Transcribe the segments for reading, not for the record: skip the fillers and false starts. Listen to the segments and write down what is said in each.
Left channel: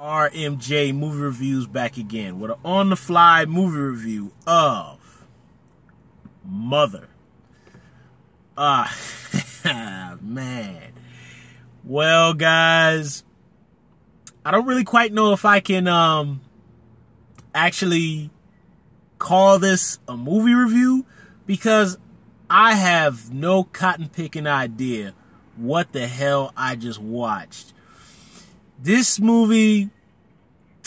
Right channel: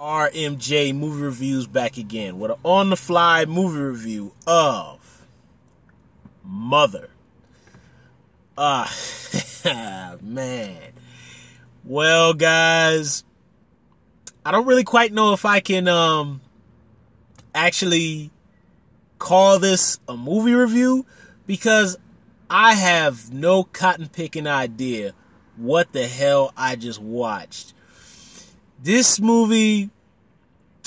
RMJ Movie Reviews back again with an on-the-fly movie review of Mother. Man. Well, guys, I don't really quite know if I can actually call this a movie review because I have no cotton-picking idea what the hell I just watched. This movie,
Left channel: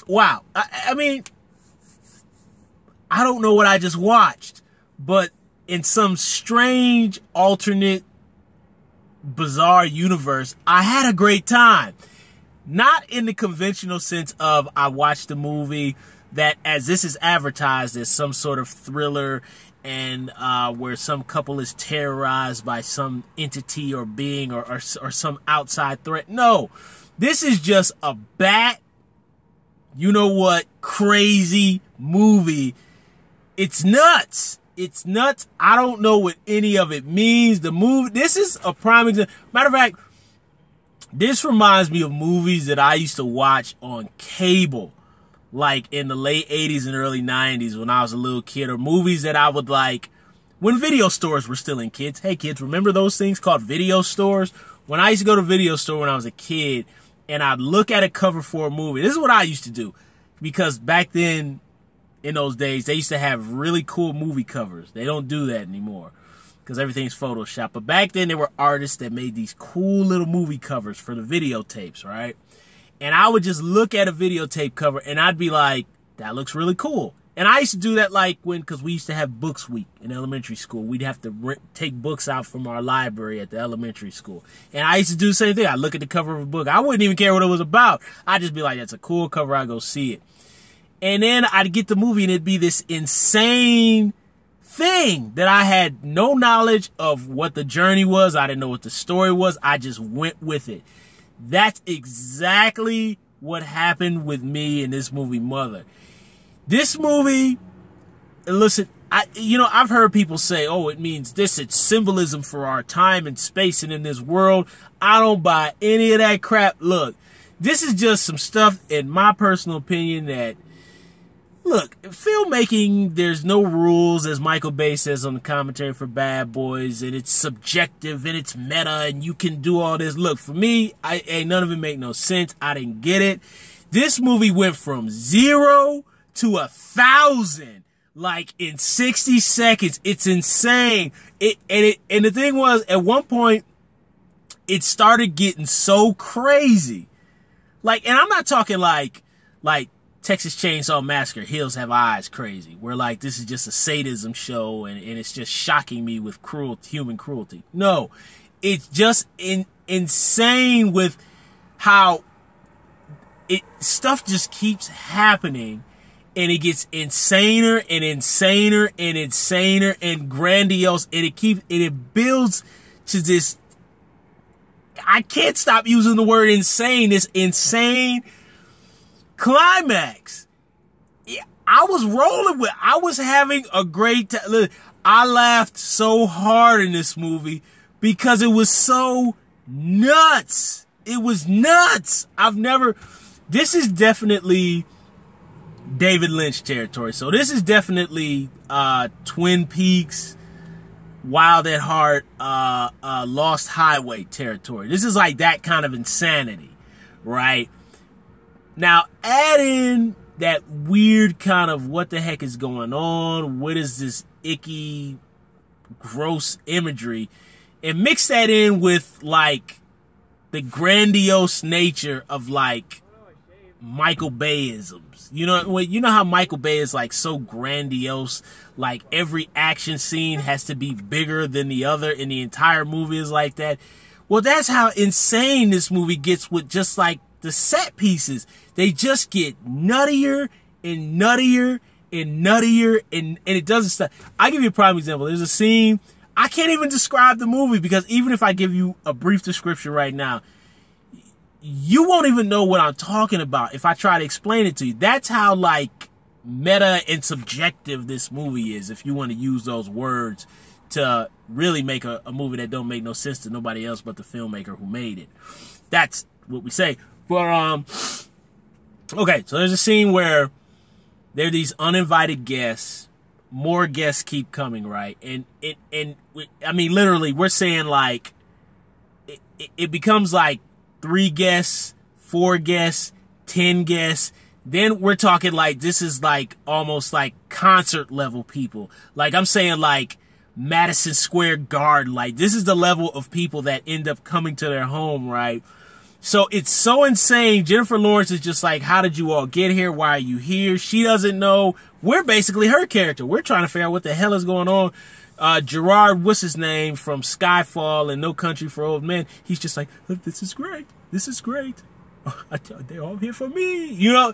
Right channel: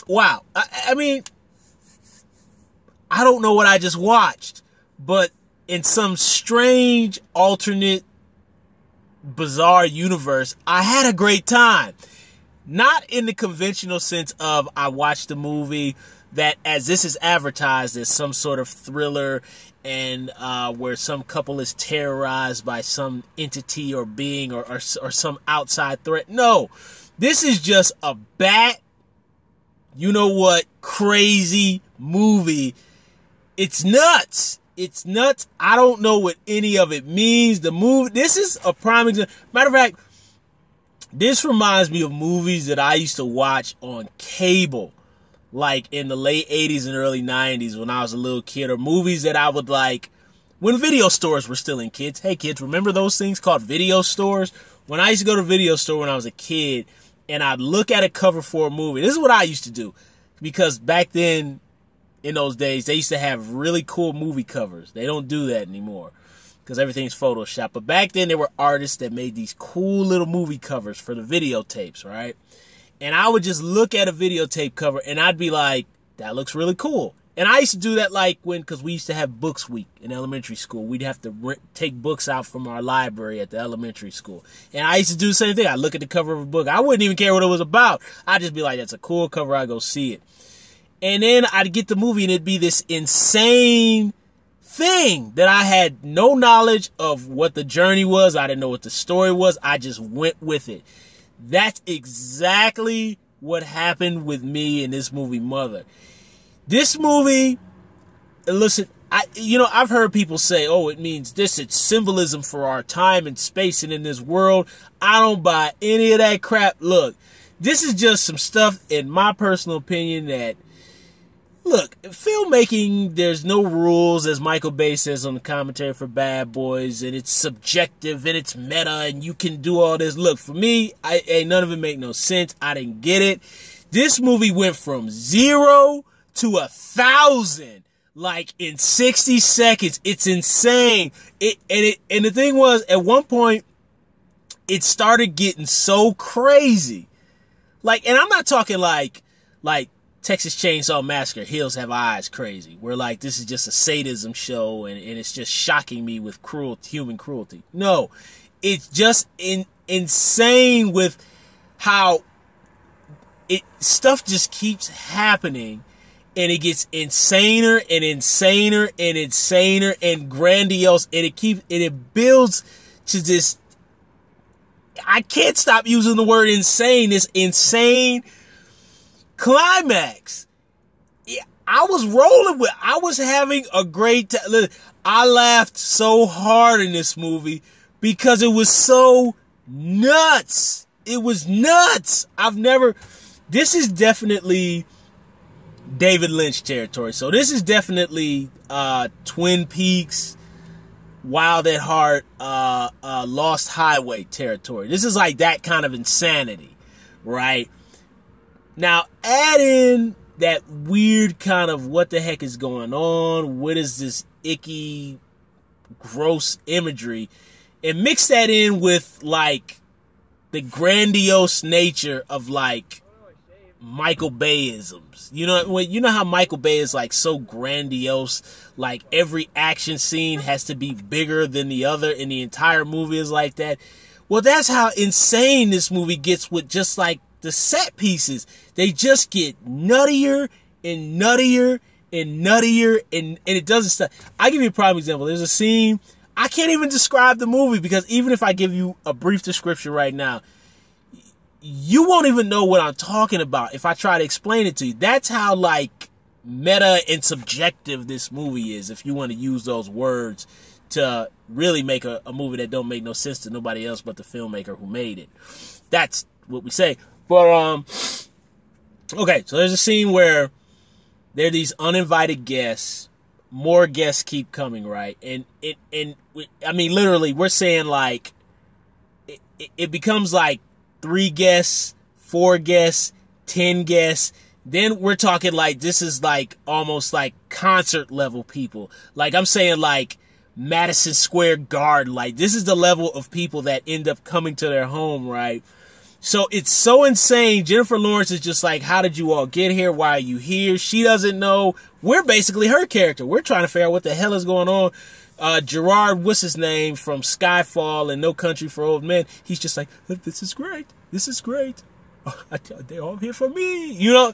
wow. I mean, I don't know what I just watched, but in some strange, alternate, bizarre universe, I had a great time. Not in the conventional sense of I watched a movie that, as this is advertised as some sort of thriller and where some couple is terrorized by some entity or being or some outside threat. No. This is just a crazy movie. It's nuts. It's nuts. I don't know what any of it means. The movie, this is a prime example. Matter of fact, this reminds me of movies that I used to watch on cable, like in the late 80s and early 90s when I was a little kid, or movies that I would like when video stores were still in kids. Hey, kids, remember those things called video stores? When I used to go to a video store when I was a kid, and I'd look at a cover for a movie. This is what I used to do. Because back then, in those days, they used to have really cool movie covers. They don't do that anymore because everything's Photoshop. But back then, there were artists that made these cool little movie covers for the videotapes, right? And I would just look at a videotape cover, and I'd be like, that looks really cool. And I used to do that because we used to have books week in elementary school. We'd have to take books out from our library at the elementary school. And I used to do the same thing. I'd look at the cover of a book. I wouldn't even care what it was about. I'd just be like, that's a cool cover. I'd go see it. And then I'd get the movie and it'd be this insane thing that I had no knowledge of what the journey was. I didn't know what the story was. I just went with it. That's exactly what happened with me in this movie, Mother. This movie, listen, I've heard people say, oh, it means this, it's symbolism for our time and space and in this world. I don't buy any of that crap. Look, this is just some stuff, in my personal opinion, that, look, filmmaking, there's no rules, as Michael Bay says on the commentary for Bad Boys, and it's subjective and it's meta and you can do all this. Look, for me, none of it make no sense. I didn't get it. This movie went from 0 to 1,000 like in 60 seconds. It's insane. And the thing was, at one point it started getting so crazy, like, and I'm not talking like Texas Chainsaw Massacre, Hills Have Eyes crazy, where like this is just a sadism show and it's just shocking me with human cruelty. No, it's just insane with how stuff just keeps happening. And it gets insaner and insaner and insaner and grandiose. And it builds to this, I can't stop using the word insane, this insane climax. I was having a great time. I laughed so hard in this movie because it was so nuts. It was nuts. This is definitely David Lynch territory. So this is definitely Twin Peaks, Wild at Heart, Lost Highway territory. This is like that kind of insanity, right? Now add in that weird kind of what the heck is going on? What is this icky, gross imagery? And mix that in with like the grandiose nature of like Michael Bayisms. You know how Michael Bay is like so grandiose, like every action scene has to be bigger than the other and the entire movie is like that. Well, that's how insane this movie gets with just like the set pieces. They just get nuttier and nuttier and nuttier and it doesn't stop. I'll give you a prime example. There's a scene, I can't even describe the movie because even if I give you a brief description right now, you won't even know what I'm talking about if I try to explain it to you. That's how like meta and subjective this movie is, if you want to use those words to really make a movie that don't make no sense to nobody else but the filmmaker who made it. That's what we say. But Okay, so there's a scene where there are these uninvited guests. More guests keep coming, right? And I mean, literally, we're saying like it becomes like 3 guests, 4 guests, 10 guests. Then we're talking like this is like almost like concert level people. Like I'm saying like Madison Square Garden. Like this is the level of people that end up coming to their home, right? So it's so insane. Jennifer Lawrence is just like, how did you all get here? Why are you here? She doesn't know. We're basically her character. We're trying to figure out what the hell is going on. Gerard, what's his name, from Skyfall and No Country for Old Men. He's just like, this is great. This is great. They're all here for me. You know,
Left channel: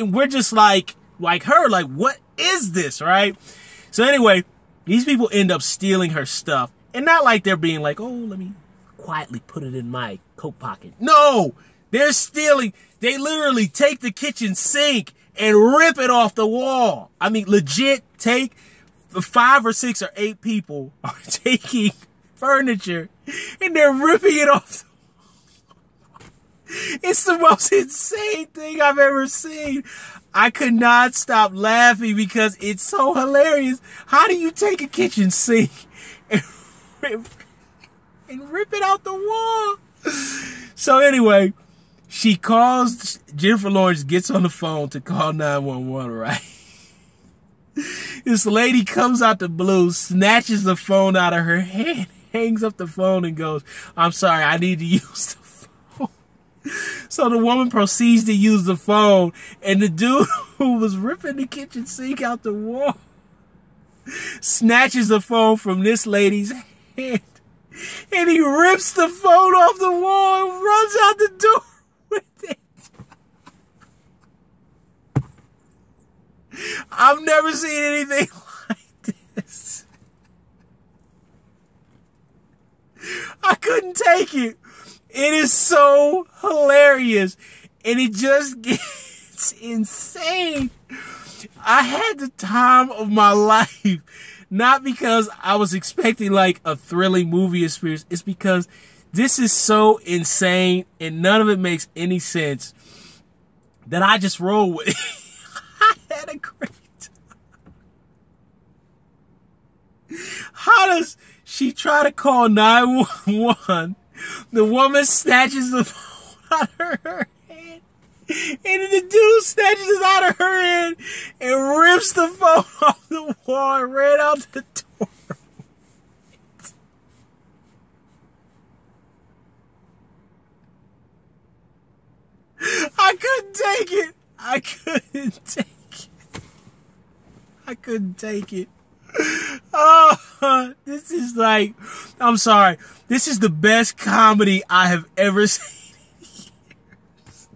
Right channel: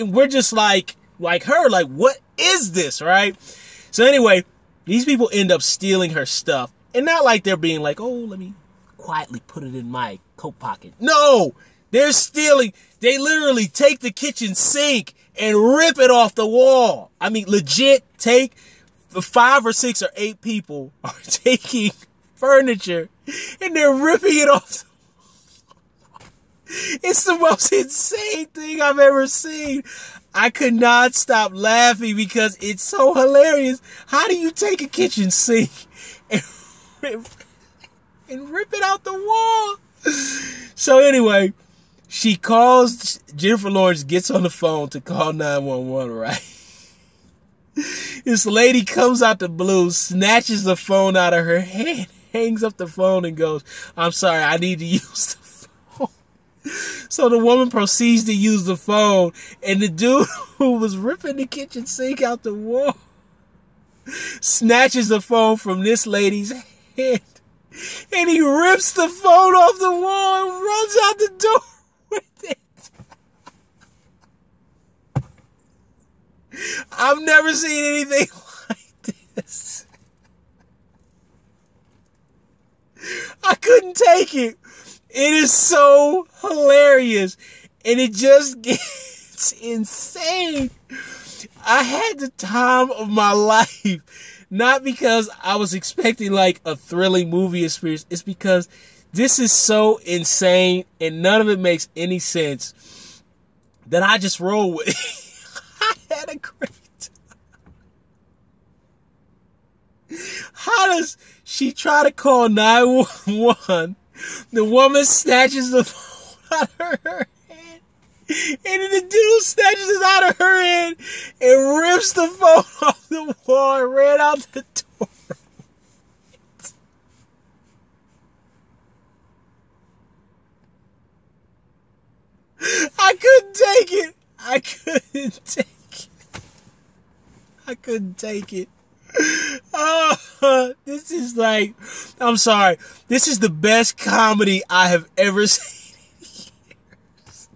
we're just like her, like, what is this, right? So anyway, these people end up stealing her stuff. And not like they're being like, oh, let me quietly put it in my coat pocket. No, they're stealing. They literally take the kitchen sink and rip it off the wall. I mean, legit take 5 or 6 or 8 people are taking furniture and they're ripping it off. It's the most insane thing I've ever seen. I could not stop laughing because it's so hilarious. How do you take a kitchen sink and rip it out the wall? So anyway, Jennifer Lawrence gets on the phone to call 911, right? This lady comes out the blue, snatches the phone out of her hand, hangs up the phone and goes, I'm sorry, I need to use the phone. So the woman proceeds to use the phone, and the dude who was ripping the kitchen sink out the wall snatches the phone from this lady's hand, and he rips the phone off the wall and runs out the door with it. I've never seen anything like this. I couldn't take it. It is so hilarious. And it just gets insane. I had the time of my life. Not because I was expecting like a thrilling movie experience. It's because this is so insane and none of it makes any sense that I just roll with it. I had a great time. How does she try to call 911? The woman snatches the phone out of her hand. And then the dude snatches it out of her hand and rips the phone off the wall and ran out the door. I couldn't take it. I couldn't take it. I couldn't take it. Oh, this is like, I'm sorry. This is the best comedy I have ever seen in years.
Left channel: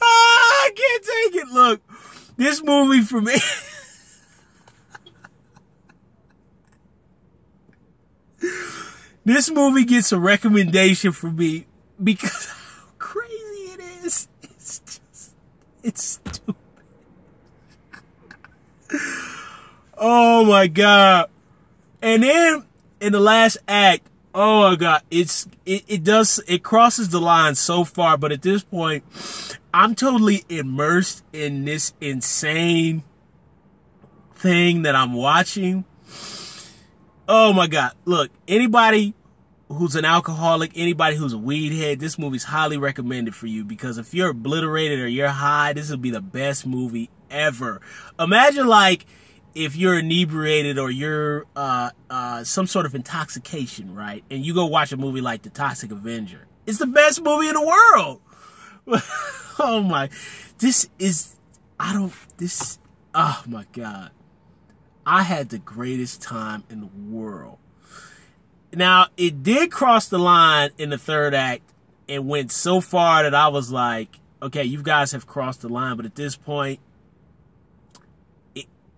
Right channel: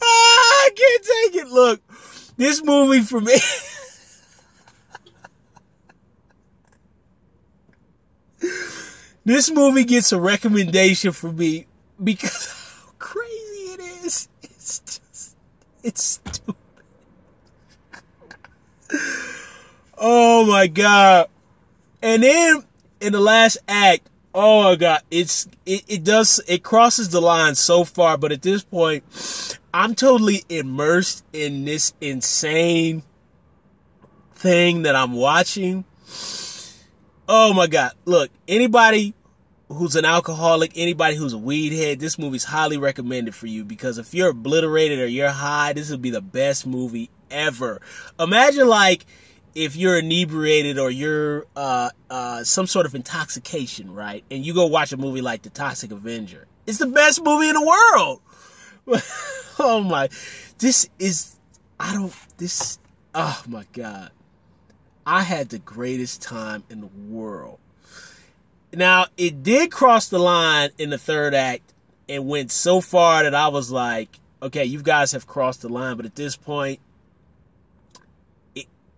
Oh, I can't take it. Look, this movie for me. This movie gets a recommendation from me because how crazy it is. It's stupid. Oh my God. And then in the last act, oh my God, it crosses the line so far, but at this point, I'm totally immersed in this insane thing that I'm watching. Oh my God. Look, anybody who's an alcoholic, anybody who's a weed head, this movie's highly recommended for you because if you're obliterated or you're high, this will be the best movie ever. Imagine like if you're inebriated or you're some sort of intoxication, right? And you go watch a movie like The Toxic Avenger. It's the best movie in the world. Oh my, oh my God. I had the greatest time in the world. Now, it did cross the line in the third act and went so far that I was like, okay, you guys have crossed the line. But at this point,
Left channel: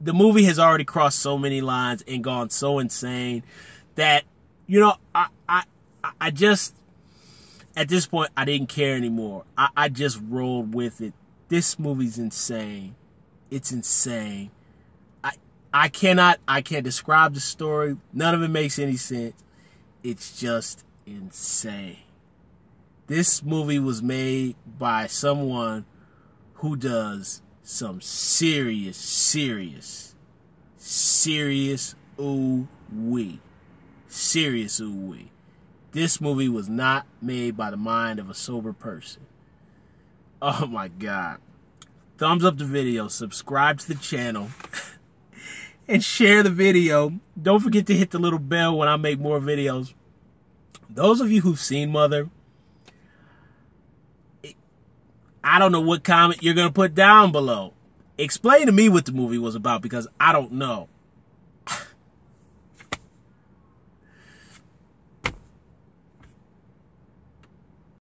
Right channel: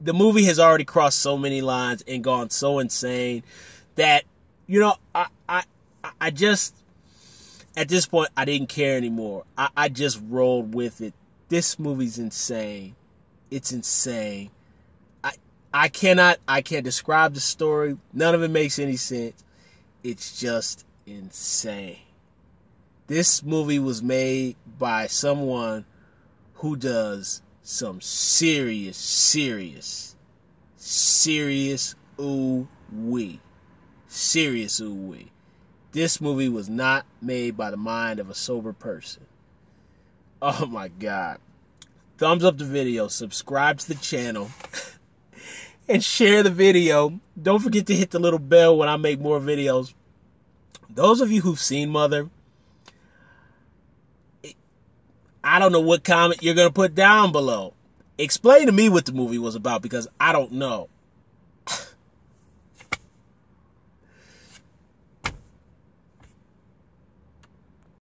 the movie has already crossed so many lines and gone so insane that, you know, I just, at this point, I didn't care anymore. I just rolled with it. This movie's insane. It's insane. I can't describe the story. None of it makes any sense. It's just insane. This movie was made by someone who does some serious ooh-wee. Serious ooh-wee. This movie was not made by the mind of a sober person. Oh my God. Thumbs up the video, subscribe to the channel, and share the video. Don't forget to hit the little bell when I make more videos. Those of you who've seen Mother, I don't know what comment you're going to put down below. Explain to me what the movie was about, because I don't know.